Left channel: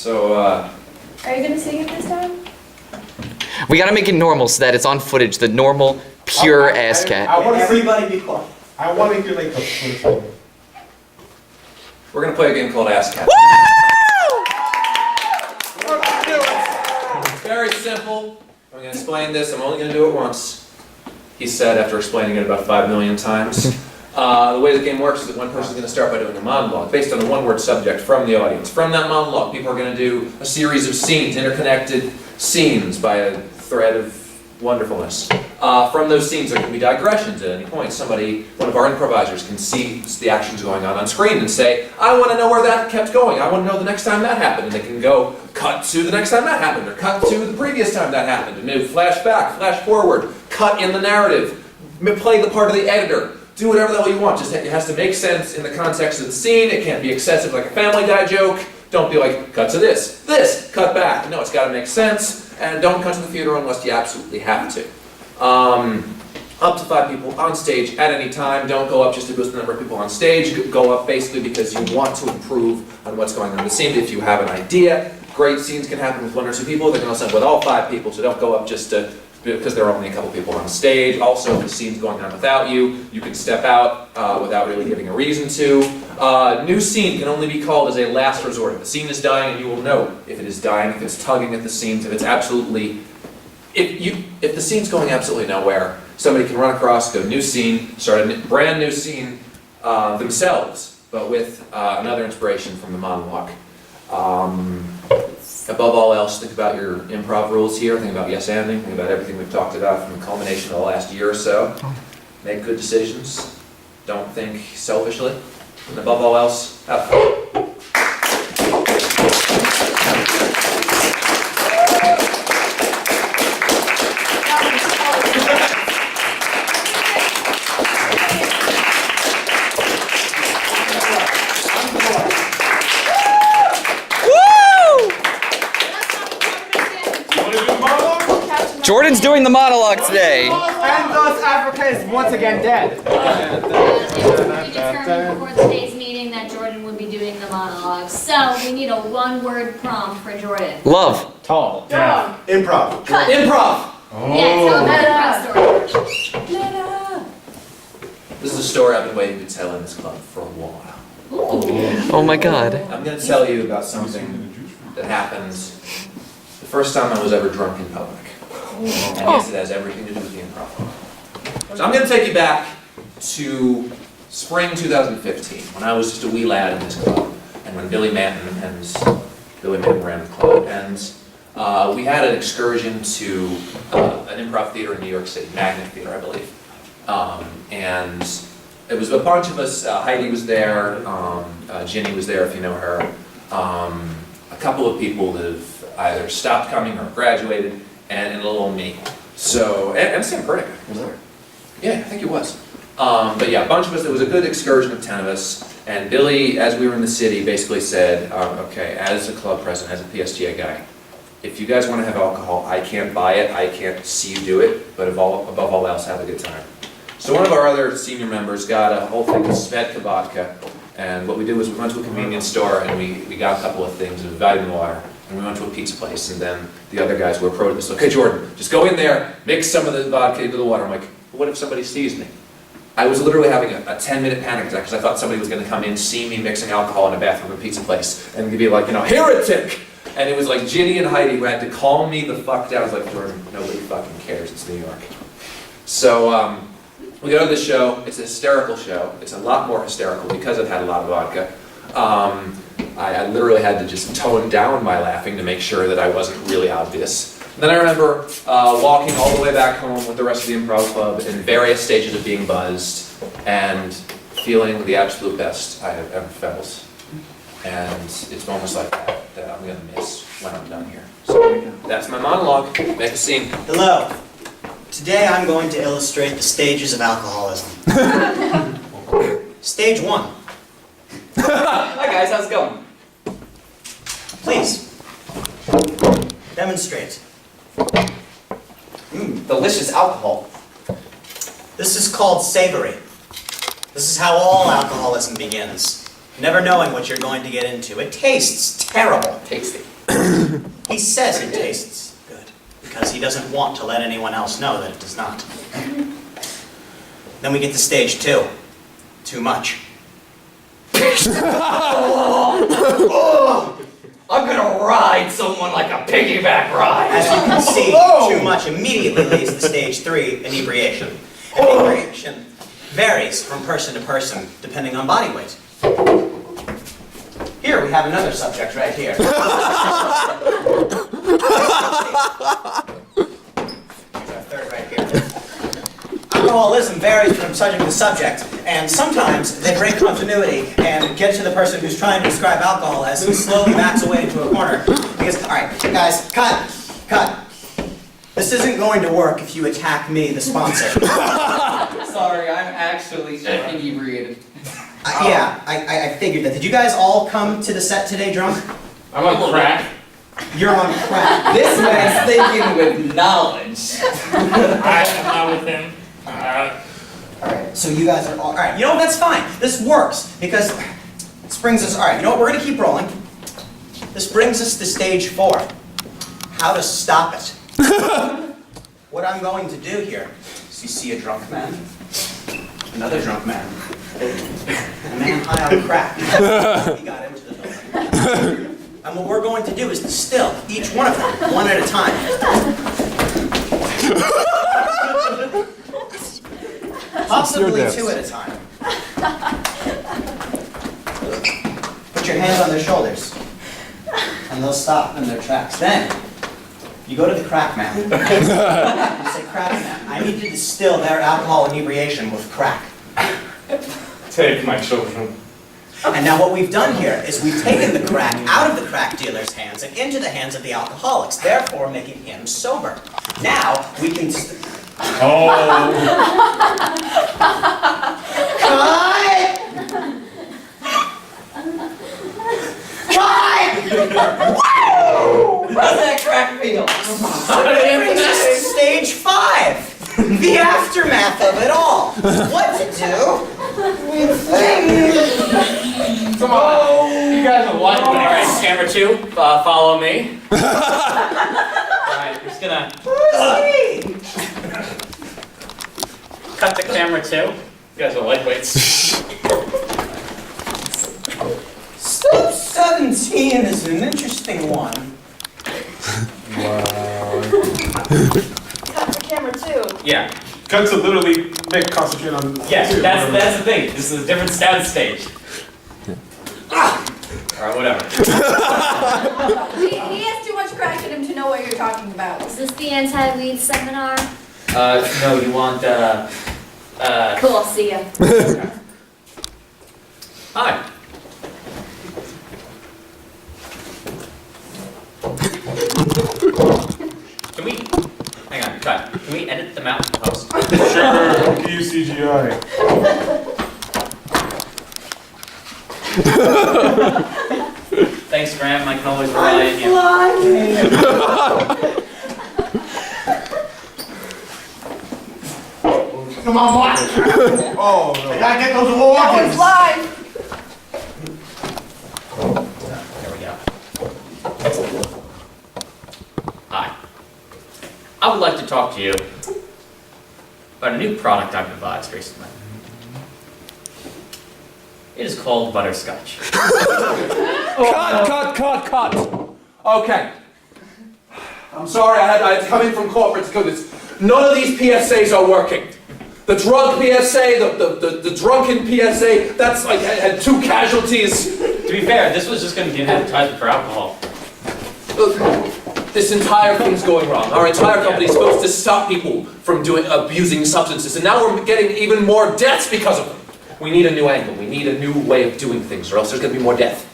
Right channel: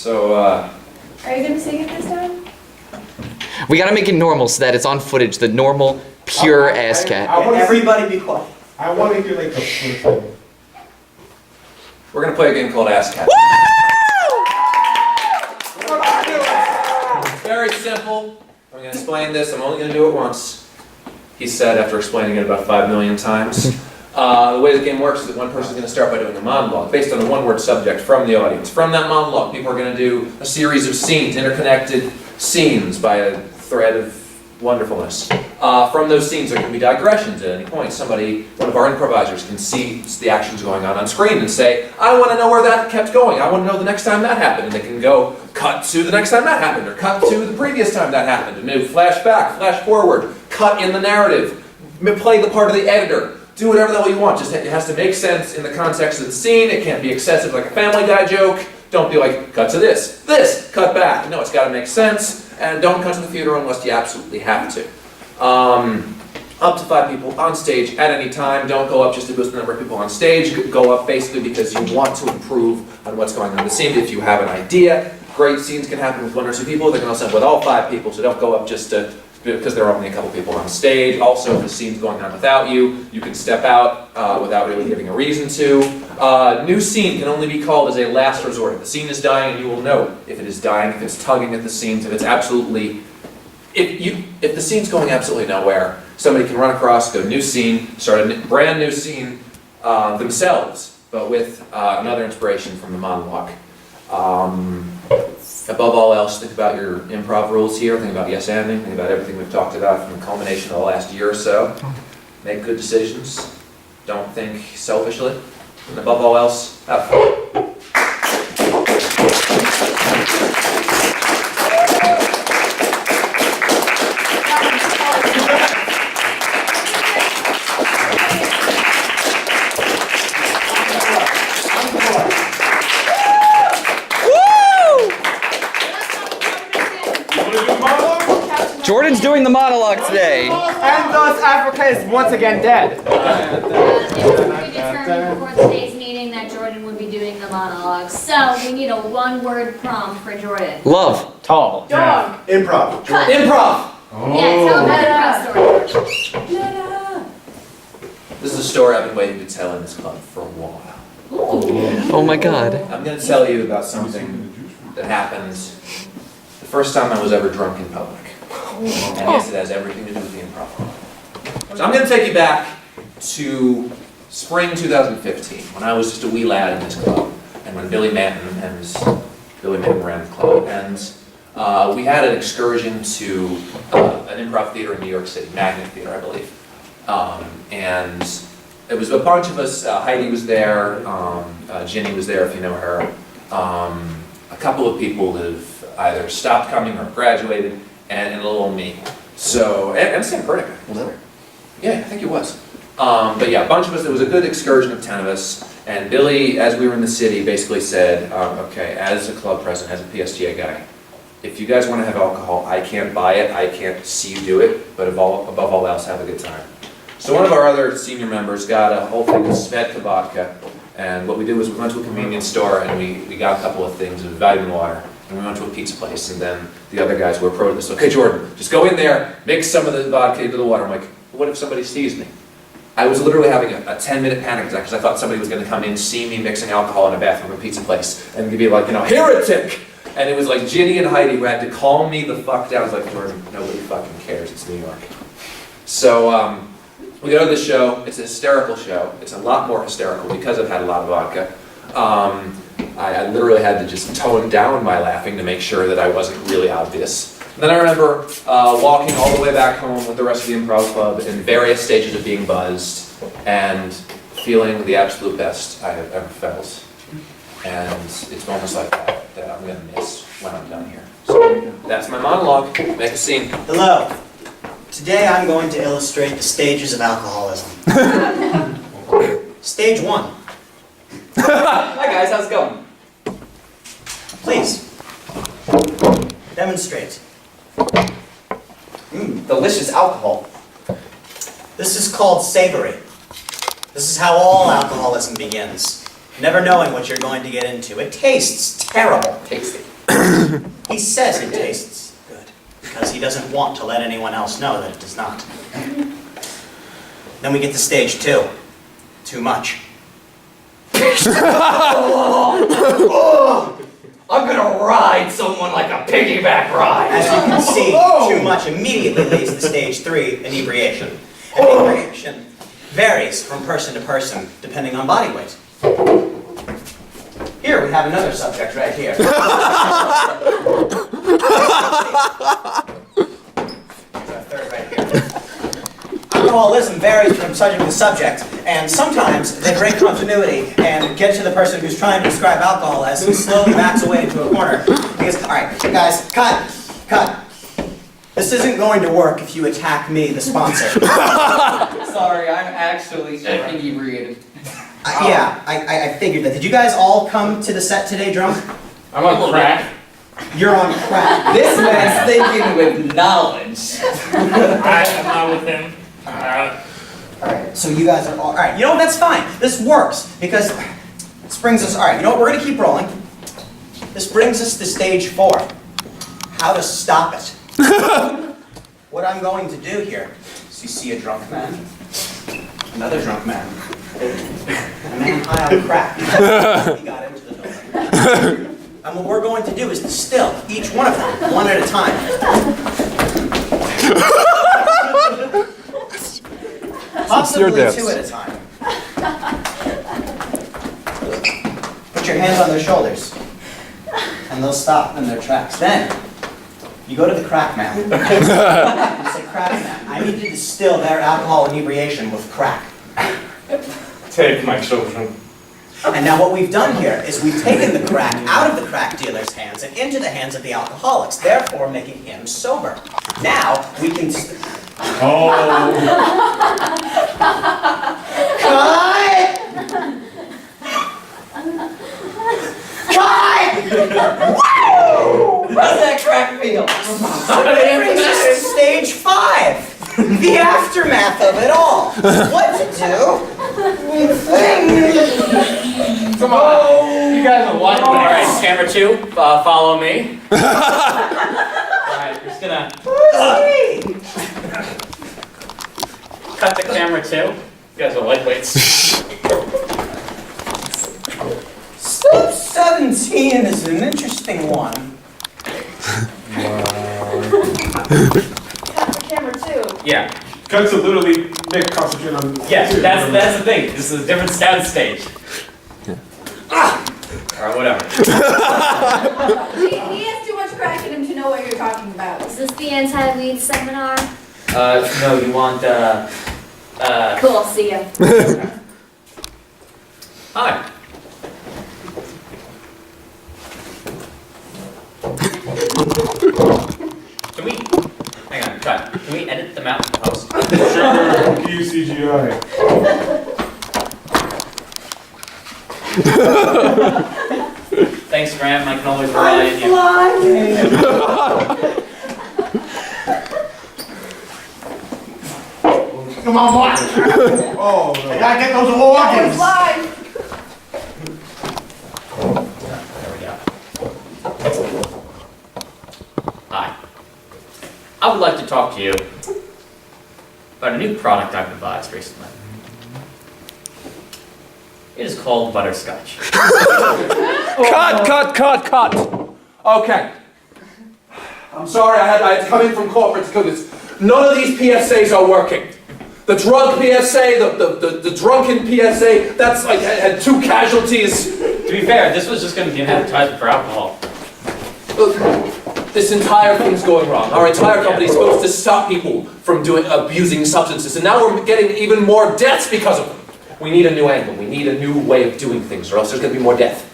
So, Are you gonna sing it this time? We gotta make it normal so that it's on footage, the normal, pure ASSSCAT. Everybody be quiet. I want to do like the first one. we're gonna play a game called ASSSCAT. It's very simple. I'm gonna explain this. I'm only gonna do it once. He said after explaining it about 5 million times. The way the game works is that one person is going to start by doing a monologue based on a one-word subject from the audience. From that monologue, people are going to do a series of scenes, interconnected scenes by a thread of wonderfulness. From those scenes, there can be digressions at any point. One of our improvisers, can see the actions going on screen and say, I want to know where that kept going. I want to know the next time that happened. And they can go, cut to the next time that happened, or cut to the previous time that happened, and maybe flash back, flash forward, cut in the narrative, play the part of the editor. Do whatever the hell you want, just it has to make sense in the context of the scene. It can't be excessive like a Family Guy joke. Don't be like, cut to this, cut back. No, it's got to make sense, and don't cut to the funeral unless you absolutely have to. Up to 5 people on stage at any time. Don't go up just to boost the number of people on stage. Go up basically because you want to improve on what's going on in the scene. If you have an idea, great scenes can happen with 1 or 2 people. They can also happen with all 5 people, so don't go up just because there are only a couple people on stage. Also, if the scene's going on without you, you can step out without really giving a reason to. New scene can only be called as a last resort. If the scene is dying, you will know if it is dying, if it's tugging at the scenes, if it's absolutely... If the scene's going absolutely nowhere, somebody can run across, go new scene, start a brand new scene themselves, but with another inspiration from the monologue. Above all else, think about your improv rules here, think about yes-anding, think about everything we've talked about from the culmination of the last year or so. Make good decisions, don't think selfishly, and above all else, have fun. Jordan's doing the monologue today. And thus Africa is once again dead. It was determined before today's meeting that Jordan would be doing the monologue. So we need a 1-word prompt for Jordan. Love. Tall. Dog. Improv. Cut. Improv! Yeah, tell him an improv story. This is a story I've been waiting to tell in this club for a while. Oh my god. I'm going to tell you about something that happened the first time I was ever drunk in public. And yes, it has everything to do with the improv. So I'm going to take you back to spring 2015, when I was just a wee lad in this club, and when Billy Manton ran the club. And we had an excursion to an improv theater in New York City, Magnet Theater, I believe. And it was a bunch of us. Heidi was there, Ginny was there, if you know her. A couple of people that have either stopped coming or graduated, and a little old me. So, and Sam Perdica was there. Yeah, I think he was. But yeah, a bunch of us. It was a good excursion of 10 of us. And Billy, as we were in the city, basically said, okay, as a club president, as a PSTA guy, if you guys want to have alcohol, I can't buy it, I can't see you do it, but above all else, have a good time. So one of our other senior members got a whole thing of Svedka vodka, and what we did was we went to a convenience store and we got a couple of things of vitamin water, and we went to a pizza place, and then the other guys were pro to this. Okay, Jordan, just go in there, mix some of the vodka into the water. I'm like, what if somebody sees me? I was literally having a 10-minute panic attack because I thought somebody was going to come in, see me mixing alcohol in a bathroom at a pizza place, and be like, heretic! And it was like Ginny and Heidi who had to calm me the fuck down. I was like, Jordan, nobody fucking cares, it's New York. So, we go to this show. It's a hysterical show. It's a lot more hysterical because I've had a lot of vodka. I literally had to just tone down my laughing to make sure that I wasn't really obvious. And then I remember walking all the way back home with the rest of the improv club in various stages of being buzzed and feeling the absolute best I have ever felt. And it's moments like that I'm going to miss when I'm done here. So that's my monologue. Make a scene. Hello. Today I'm going to illustrate the stages of alcoholism. Stage 1. Hi guys, how's it going? Please. Demonstrate. Delicious alcohol. This is called savory. This is how all alcoholism begins. Never knowing what you're going to get into. It tastes terrible. Tasty. He says it tastes good because he doesn't want to let anyone else know that it does not. Then we get to stage 2. Too much. I'm gonna ride someone like a piggyback ride. As you can see, too much immediately leads to stage 3, inebriation. Inebriation varies from person to person, depending on body weight. Here we have another subject right here. Here's our third right here. Alcoholism varies from subject to subject, and sometimes they break continuity and get to the person who's trying to describe alcohol as he slowly backs away into a corner. Because, all right, guys, cut. This isn't going to work if you attack me, the sponsor. Sorry, I'm actually inebriated. Yeah, I figured that. Did you guys all come to the set today drunk? I'm on crack. You're on crack. This man's thinking with knowledge. I'm not with him. Alright, so you guys are all, alright, you know what, that's fine. This works, because this brings us, alright, you know what, we're gonna keep rolling. This brings us to stage 4. How to stop it. What I'm going to do here is you see a drunk man, another drunk man, a man high on crack. He got into the building. And what we're going to do is distill each one of them, one at a time. Possibly 2 at a time. Put your hands on their shoulders, and they'll stop in their tracks. Then, you go to the crack man. You say, crack man, I need you to distill their alcohol inebriation with crack. Take my children. And now what we've done here is we've taken the crack out of the crack dealer's hands and into the hands of the alcoholics, therefore making him sober. Now, we can... Oh. Cut! Woo! How's that crack feel? That brings us to stage 5. The aftermath of it all. What to do with things. Come on. You guys are watching. All right, camera 2, follow me. All right, we're just gonna cut the camera 2. You guys are lightweights. Step 17 is an interesting one. Cut the camera too. Yeah. Cut to literally make concentrate on. Yes, that's the thing. This is a different sound stage. Alright, whatever. He has too much crack in him to know what you're talking about. Is this the anti-weed seminar? No, you want, Cool, see ya. Hi. Can we, hang on, cut. Can we edit them out in post? Sure. Use CGI. Thanks, Graham. I can always rely on you. Come on, boy. Oh, no. I gotta get those organs. Live. There we go. Hi. I would like to talk to you about a new product I've devised recently. It is called butterscotch. Cut. Okay. I'm sorry, I had to come in from corporate to do this. None of these PSAs are working. The drug PSA, the drunken PSA, that's like had 2 casualties. To be fair, this was just going to be an advertisement for alcohol. This entire thing's going wrong. Our entire company is supposed to stop people from abusing substances, and now we're getting even more deaths because of them. We need a new angle. We need a new way of doing things, or else there's going to be more death.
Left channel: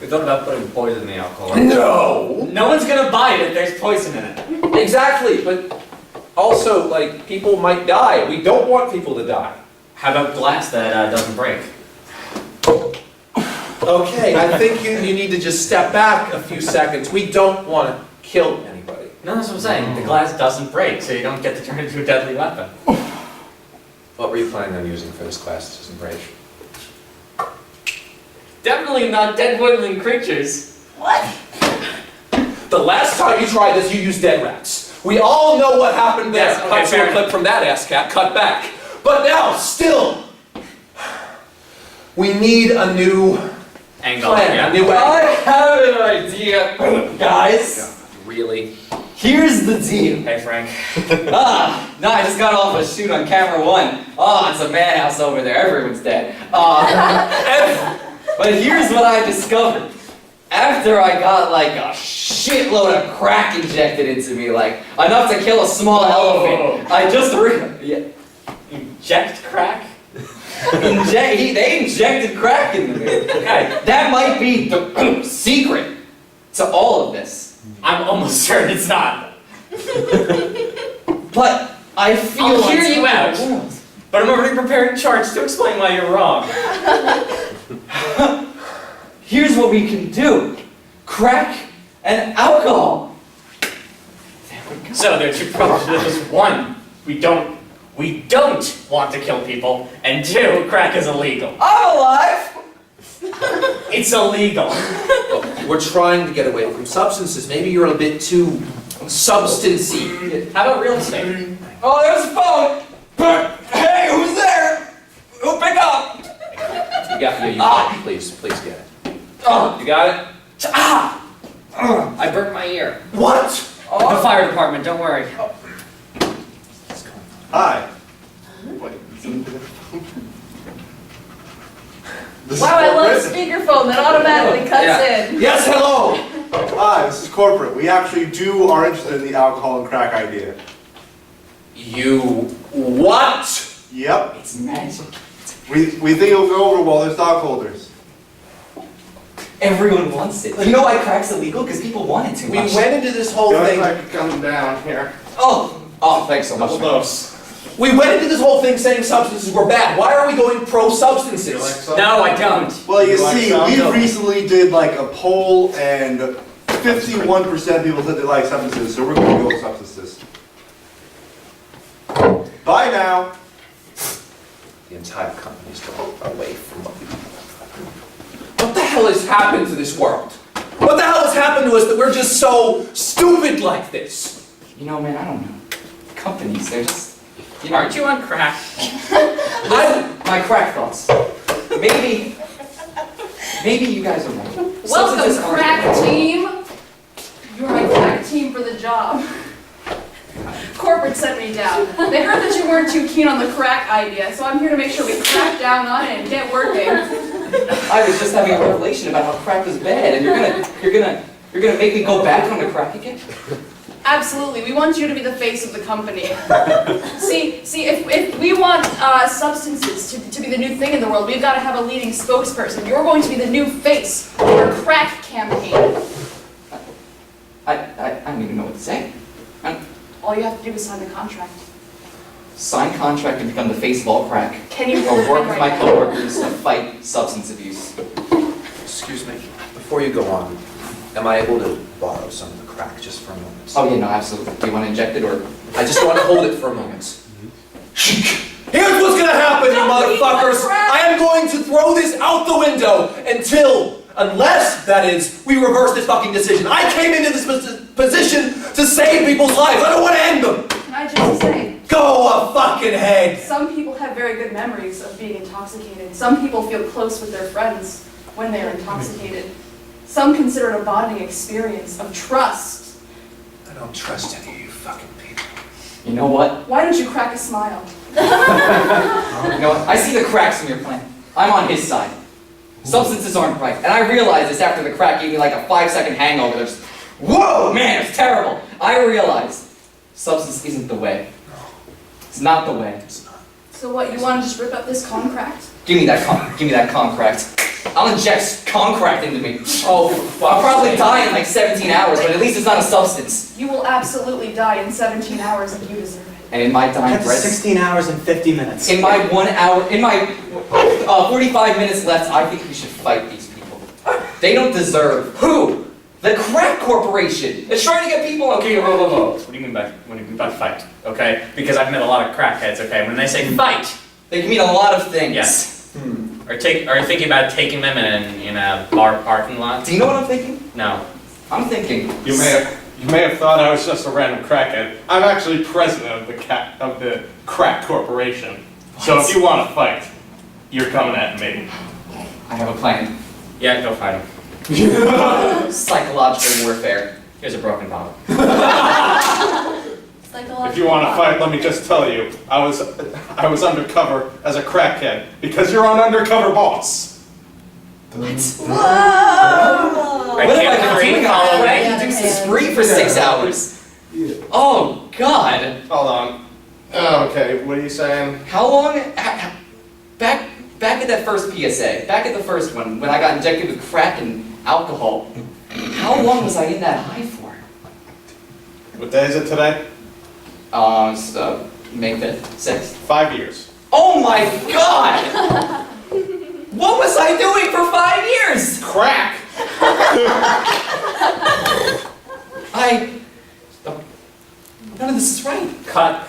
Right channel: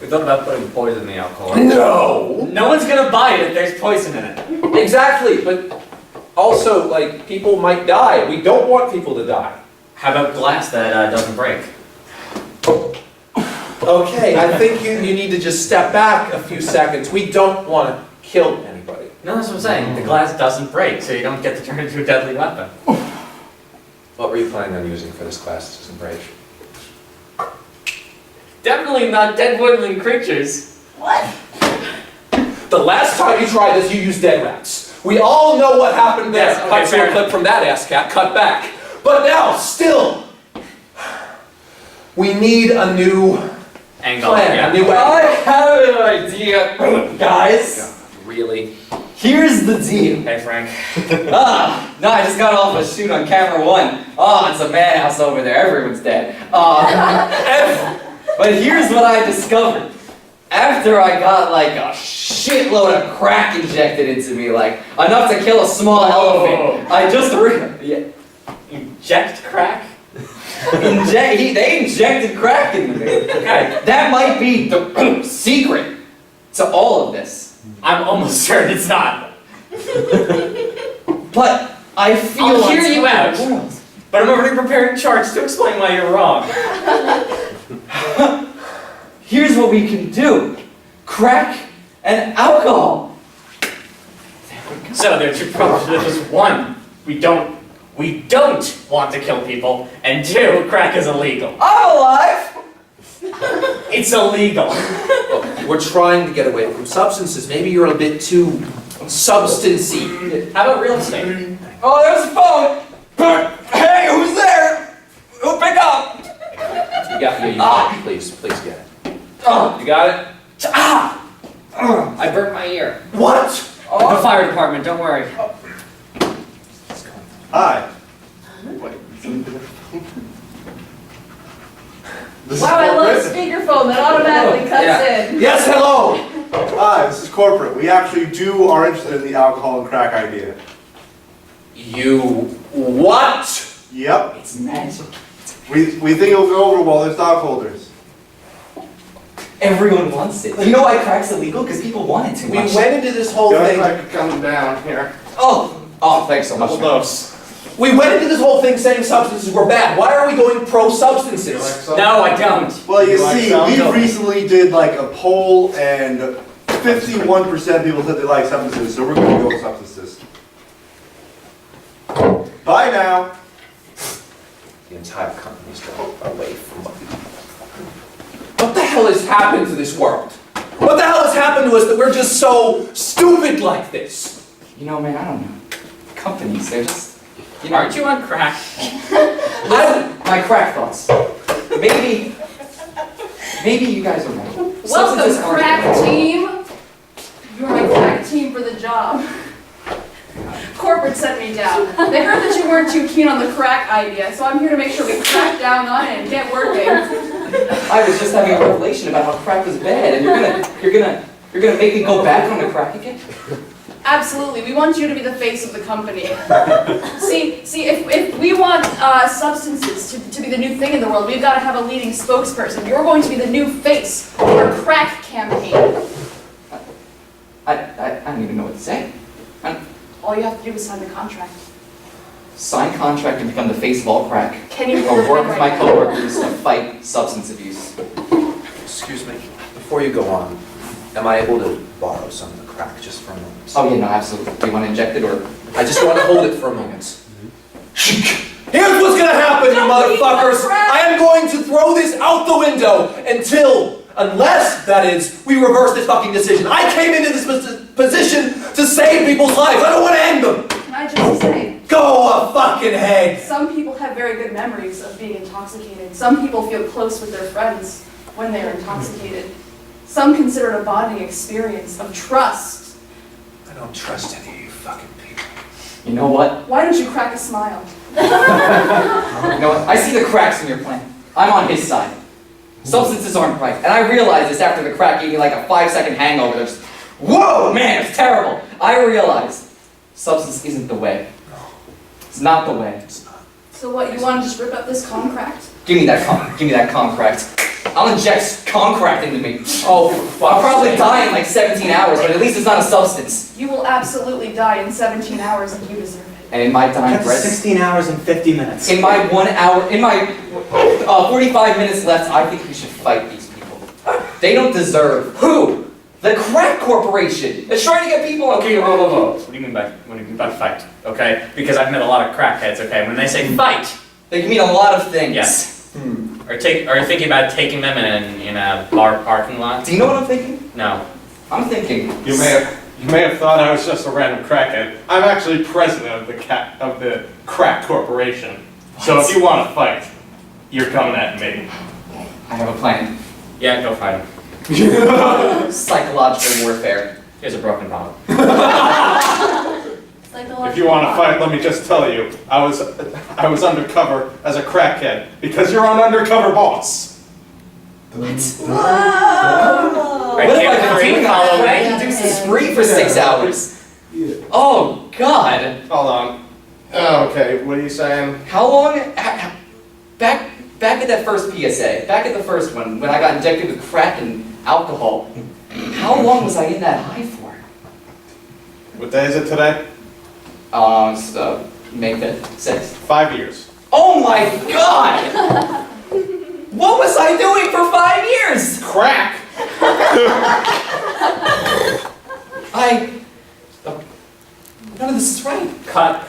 We thought about putting poison in the alcohol. No! No one's going to buy it if there's poison in it. Exactly, but also, like, people might die. We don't want people to die. How about glass that doesn't break? Okay, I think you need to just step back a few seconds. We don't want to kill anybody. No, that's what I'm saying. The glass doesn't break, so you don't get to turn it into a deadly weapon. What were you planning on using for this class that doesn't break? Definitely not dead woodland creatures. What? last time you tried this, you used dead rats. We all know what happened there. Yes, okay, Cut to fair a clip from that ASSSCAT, cut back. But now, still, we need a new Angle. plan, Yeah. a new I angle. have an idea, guys. Really? Here's the deal. Hey, Frank. No, I just got off a shoot on camera 1. It's a madhouse over there. Everyone's dead. But here's what I discovered. After I got like a shitload of crack injected into me, like enough to kill a small elephant, I just Inject crack? they injected crack into me. Okay. That might be the secret to all of this. I'm almost certain it's not. But I feel I'll hear on you top out. of the world. But I'm already preparing charts to explain why you're wrong. Here's what we can do. Crack and alcohol. So there are 2 problems to this. 1, we don't want to kill people, and 2, crack is illegal. I'm alive! It's illegal. Look, we're trying to get away from substances. Maybe you're a bit too substancey. How about real estate? Oh, there's a phone! Hey, who's there? Who'll pick up? You got it. Please get it. Oh, You got it? I burnt my ear. What? The fire department, don't worry. Hi. This Wow, I is love corporate. speakerphone that automatically cuts in. Yes, hello! Hi, this is corporate. We actually are interested in the alcohol and crack idea. You what? Yep. it's magic. We think it'll go over well. There's stockholders. Everyone wants it. You know why crack's illegal? Because people want it too We much. went into this whole thing. I could come down here. Oh, thanks so much. man. We went into this whole thing saying substances were bad. Why are we going pro-substances? No, I don't. Well, you like see, some? we No. recently did like a poll, and 51% people said they like substances, so we're going to go with substances. Bye now. The entire company's going away from what we do. What the hell has happened to this world? What the hell has happened to us that we're just so stupid like this? You know, man, I don't know. Companies, they're just... Aren't you on crack? My crack thoughts. Maybe you guys are right. Substances Welcome, aren't crack illegal. team. You're my crack team for the job. Corporate sent me down. They heard that you weren't too keen on the crack idea, so I'm here to make sure we crack down on it and get working. I was just having a revelation about how crack was bad, and you're gonna make me go back on the crack again? Absolutely, we want you to be the face of the company. See, if we want substances to be the new thing in the world, we've got to have a leading spokesperson. You're going to be the new face of our crack campaign. I don't even know what to say. All you have to do is sign the contract. Sign contract and become the face of all crack. Can you Or work with right my now? coworkers to fight substance abuse. Excuse me, before you go on, am I able to borrow some of the crack just for a moment? Oh yeah, no, absolutely. Do you want to inject it or? I just want to hold it for a moment. Here's what's gonna happen, you motherfuckers! I am going to throw this out the window unless, that is, we reverse this fucking decision. I came into this position to save people's lives. I don't want to end them. Can I just say, Go a fucking head. some people have very good memories of being intoxicated. Some people feel close with their friends when they are intoxicated. Some consider it a bonding experience of trust. I don't trust any of you fucking people. You know what? Why don't you crack a smile? You know what? I see the cracks in your plan. I'm on his side. Substances aren't right. And I realized this after the crack gave me like a 5-second hangover. Just, whoa, man, it's terrible. I realized substance isn't the way. It's not the way. So what, you want to just rip up this contract? Give me that concract. I'll inject concract into me. Oh, I'll probably die in like 17 hours, but at least it's not a substance. You will absolutely die in 17 hours and you deserve it. And in my time, That's 16 hours and 50 minutes. in my 45 minutes left, I think we should fight these people. They don't deserve. Who? The crack corporation. They're trying to get people. Okay, whoa. What do you mean by fight? Okay, because I've met a lot of crackheads. Okay, when they say fight, They can mean a lot of things. yes. Are you thinking about taking them in a bar parking lot? Do you know what I'm thinking? No. I'm thinking. You may have thought I was just a random crackhead. I'm actually president of the crack corporation. So if you want to fight, you're coming at me. I have a plan. Yeah, go fight him. Psychological warfare. Here's a broken bottle. If you want to fight, let me just tell you, I was undercover as a crackhead because you're an undercover boss. Right, What have I been doing? follow me. I induced a spree for 6 hours. Oh God! Hold on. Okay, what are you saying? How long? Back at that first PSA, back at the first one, when I got injected with crack and alcohol. How long was I in that high for? What day is it today? It's May 5th, 6th. 5 years. Oh my God! What was I doing for 5 years? Crack! None of this is right. Cut.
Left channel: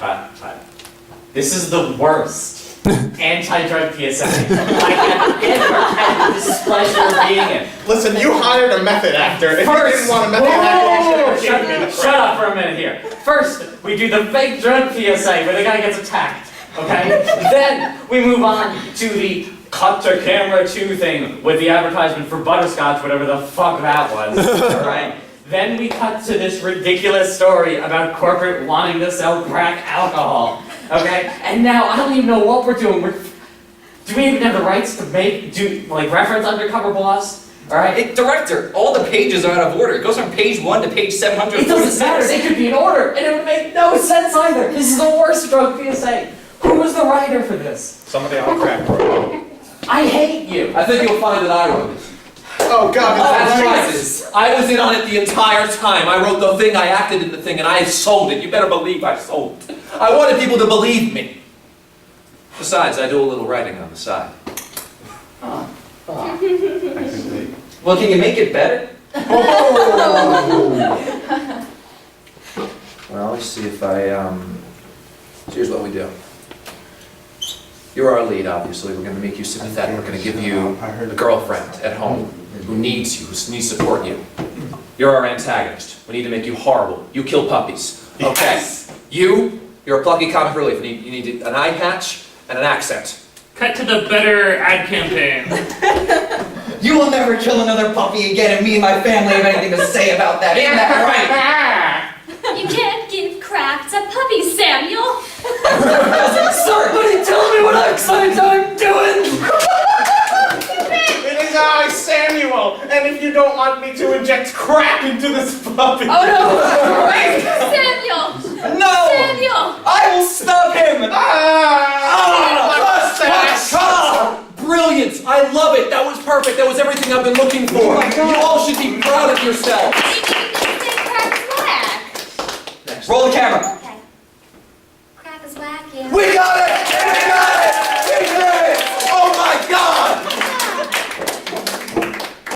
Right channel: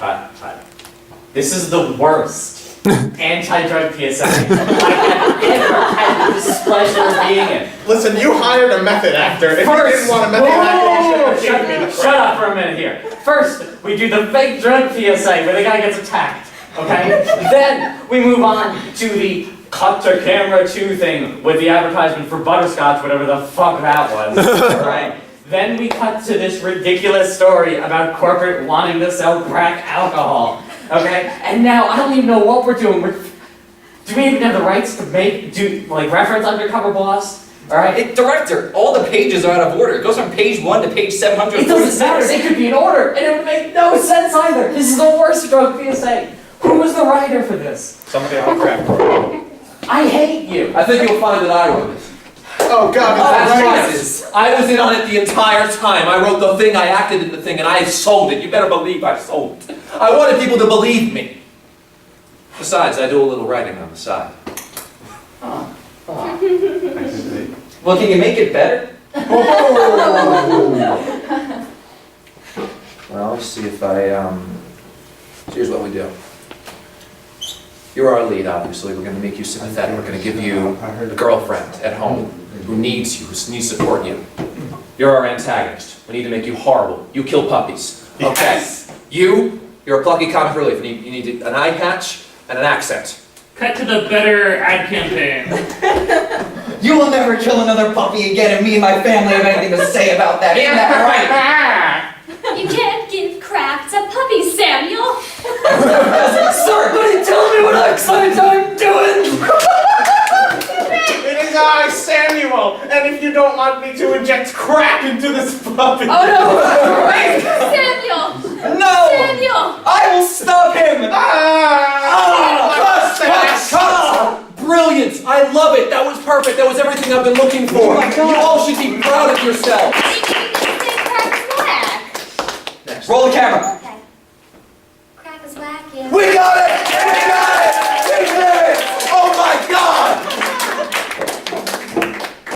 This is the worst anti-drug PSA I have ever had the displeasure of being in. Listen, you hired a method actor. If you didn't want a method actor, you should have given me the Shut up for a minute here. First, we do the fake drug PSA where the guy gets attacked, okay? Then we move on to the cut to camera 2 thing with the advertisement for butterscotch, whatever the fuck that was, alright? Then we cut to this ridiculous story about corporate wanting to sell crack alcohol, okay? And now I don't even know what we're doing. Do we even have the rights to reference Undercover Boss? Alright? Director, all the pages are out of order. It goes from page 1 to page 700. It doesn't matter, they could be in order, and it would make no sense either. This is the worst drug PSA. Who was the writer for this? Somebody on crack. I hate you. I think you'll find that I wrote it. Oh God, That's right. right. I was in on it the entire time. I wrote the thing, I acted in the thing, and I sold it. You better believe I sold it. I wanted people to believe me. Besides, I do a little writing on the side. Well, can you make it better? Well, let's see if I, here's what we do. You're our lead, obviously. We're gonna make you sympathetic. We're gonna give you a girlfriend at home who needs you, who needs to support you. You're our antagonist. We need to make you horrible. You kill puppies. Okay. Yes. You're a plucky comic relief. You need an eye patch and an accent. Cut to the better ad campaign. You will never kill another puppy again, and me and my family have anything to say about that. Isn't that right? You can't give crack to puppies, Samuel. Somebody tell me what I'm doing! It is I, Samuel, and if you don't want me to inject crack into this puppy. Oh no! Right? Samuel! No! Samuel! I will stop him! Brilliant! I love it! That was perfect! That was everything I've been looking for! Oh my God. You all should be proud of yourselves! Maybe you can say crack is whack. Next. Roll the camera. Okay. Crack is whack, yeah. We got it!